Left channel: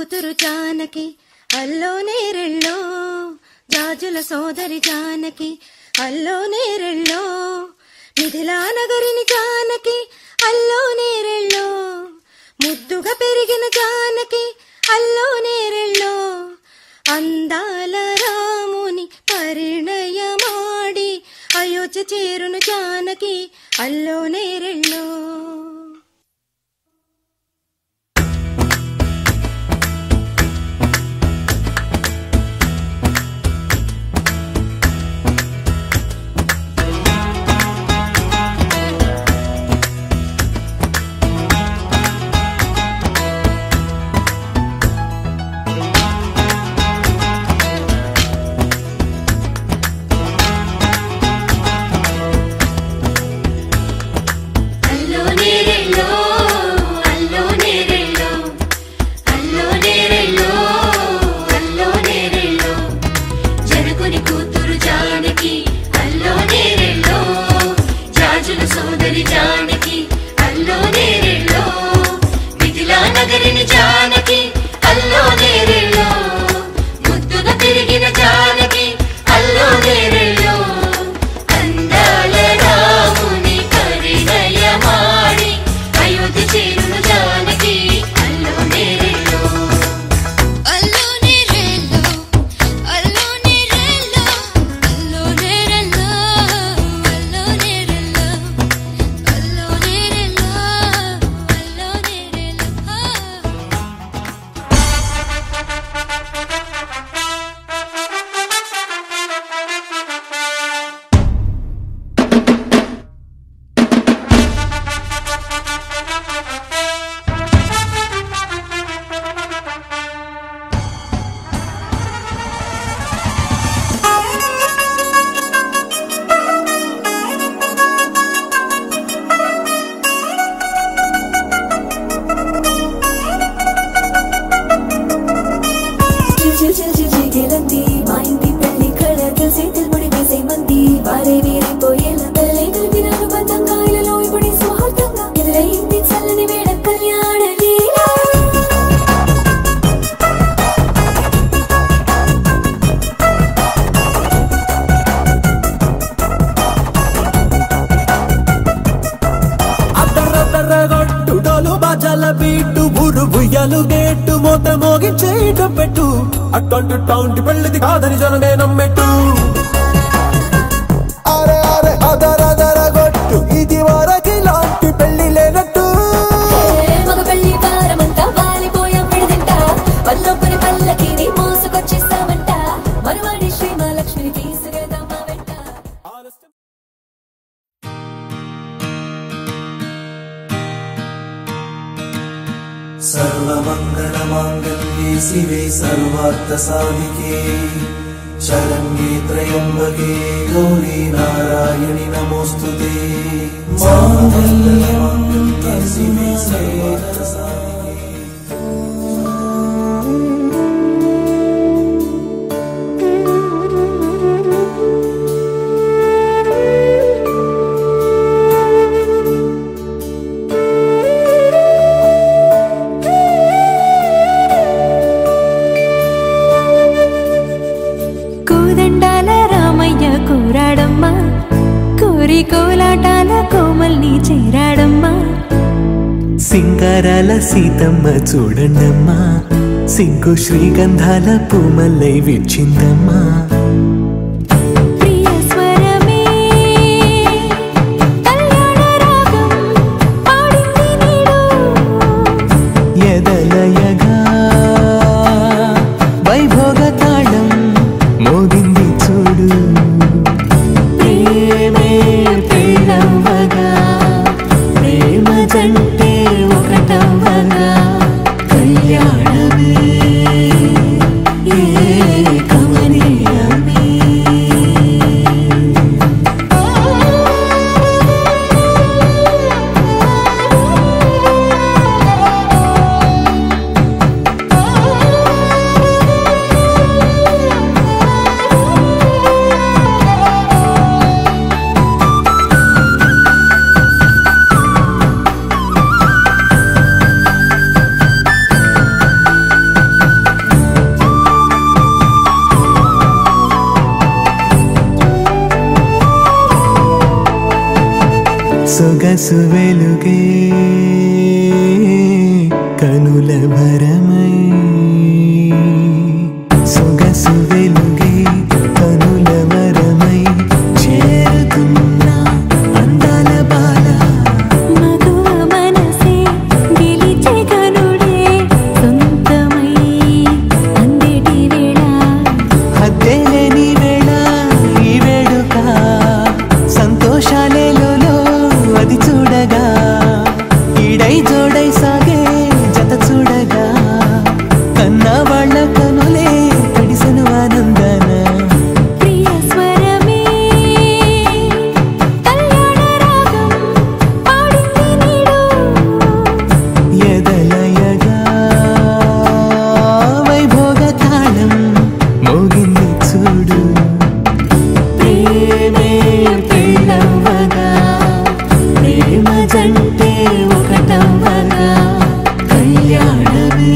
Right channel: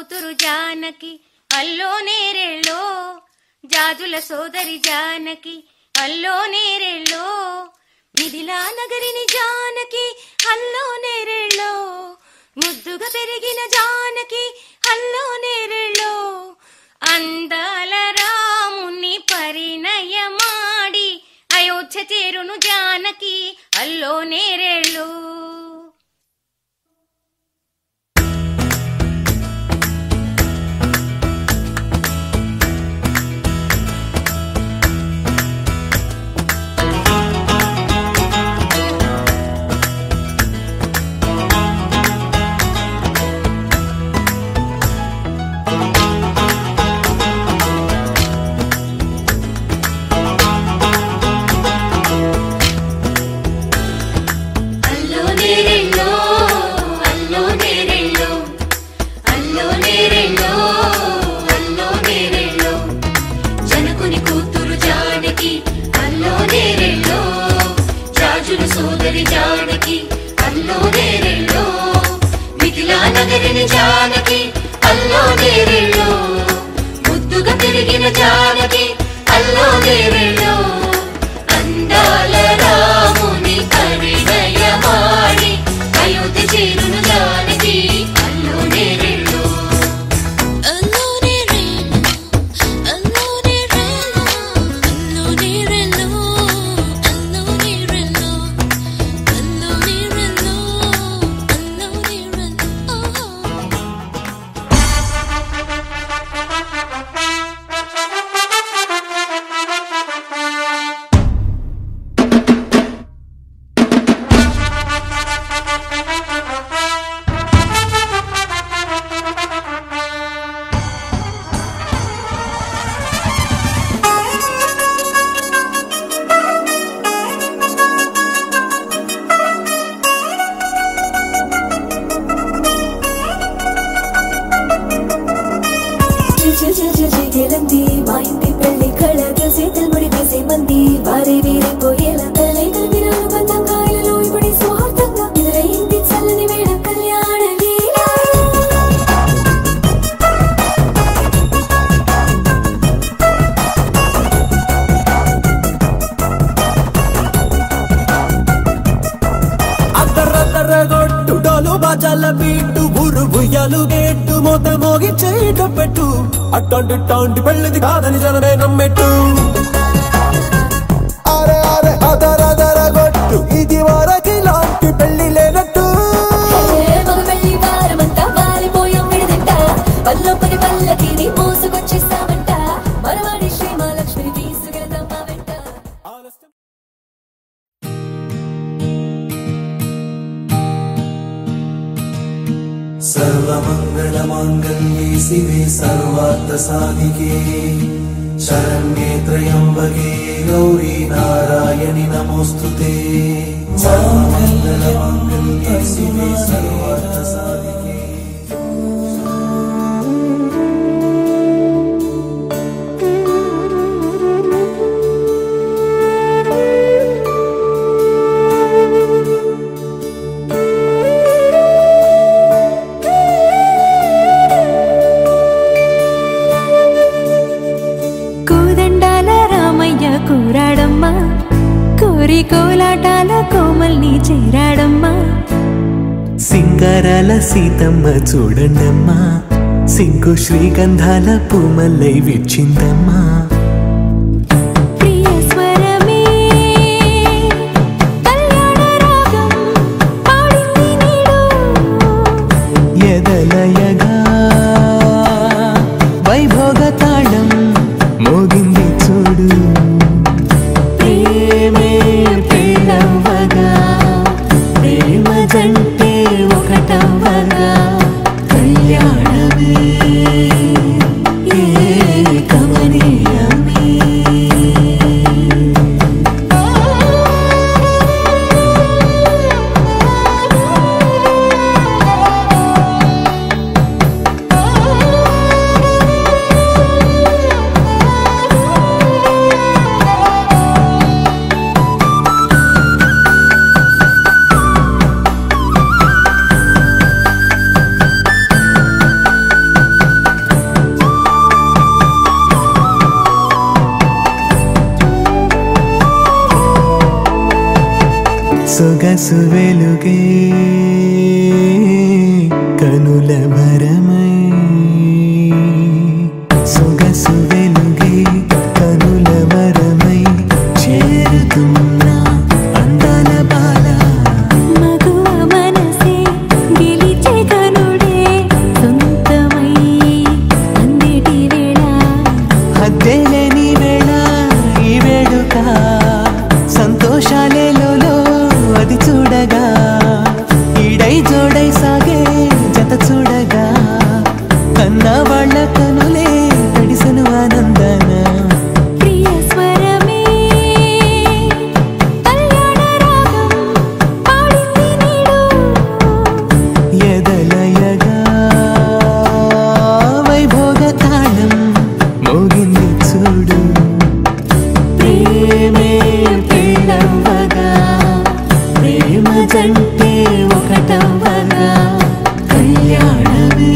కూతురు జానకి అల్లో నేరెళ్ళో, జాజుల సోదరి జానకి అల్లో నేరెళ్ళో, మిథిలా నగరిని జానకి అల్లో నేరెళ్ళో, ముద్దుగా పెరిగిన జానకి అల్లో నేరెళ్ళో, అందాల రాముని పరిణయమాడి అయోధ్య చేరును జానకి అల్లో నేరెళ్ళో. సోదరి జానకి అల్లో నేరెళ్ళో, మిథిలా నగరిని జానకి అల్లో నేరెళ్ళో, ముద్దుగా పెరిగిన జానకి అల్లో నేరెళ్ళో, అందాల రాముని పరిణయమాడి అయోధ్య చేరును జానకి అల్లో నేరెళ్ళో. మా ఇంటి పెళ్లి కళగా చేతులు ముడి వేసే మంది వారే వీరే పోయేలా తలే కలిపిన బంధంగాయలలో ఇప్పుడే స్వార్థంగా ఎదురైంది చల్లని వేడ కళ్యాణ లీల. అద్దరద్దరగొట్టు డోలు బాజాల బీటు ఊరు బుయ్యలు గేట్టు మోత మోగి చేయట పెట్టు అట్టంటి టాంటి పెళ్ళిది కాదని జనమే నమ్మెట్టు. అరే అరే అదరదరగొట్టు ఇది వరకి లాంటి పెళ్లి లేనట్టు. మగ పెళ్లి వారమంతా వాలిపోయాం విడిదింట, పల్లొప్పని పల్లకిని మోసుకొచ్చేస్తామంట, మరవాడి శ్రీ మహాలక్ష్మిని తీసుకెళ్దామా వెంట. सर्वमङ्गलमाङ्गल्ये शिवे सर्वार्थसाधिके शरण्ये त्र्यम्बके गौरी नारायणि नमोऽस्तुते। सर्वमङ्गलमाङ्गल्ये शिवे सर्वार्थसाधिके। కూరాడమ్మా కోరి కోలాటాల కోమల్ని చేరాడమ్మా, సింగారాల సీతమ్మ చూడండమ్మా, సింగు శ్రీగంధాల పూమల్లై విచ్చిందమ్మా. ప్రియ స్వరమే కళ్యాణ రాగం పాడింది నీడు, ఎదలయగా వైభోగ తాళం మోగింది చూడు. ప్రేమే ప్రేమవగా ప్రేమ జంటే ఒకటవగా కళ్యాణమే కమనీయమే. సొగసు వెలుగే కనుల భరమై సొగసు వెలుగే కనుల వరమై చేరుతున్నా అందాల బాల మగువ మనసే గెలిచే కనుడే సొంతమై అందేటి వేళ హద్దేలేని వేళ ఈ వేడుక సంతోషాలేలో అది చూడగా ఈడై జోడై సాగే జత చూడగా కన్నా వాళ్ళ కనులే తడిసెను ఆనందన ప్రియ స్వరమే కళ్యాణ రాగం పాడింది నీడు ఎదలయగా వైభోగ తాళం మోగింది చూడు ప్రేమే పెళ్ళవ్వగా ప్రేమ జంటే ఒకటవ్వగా కళ్యాణమే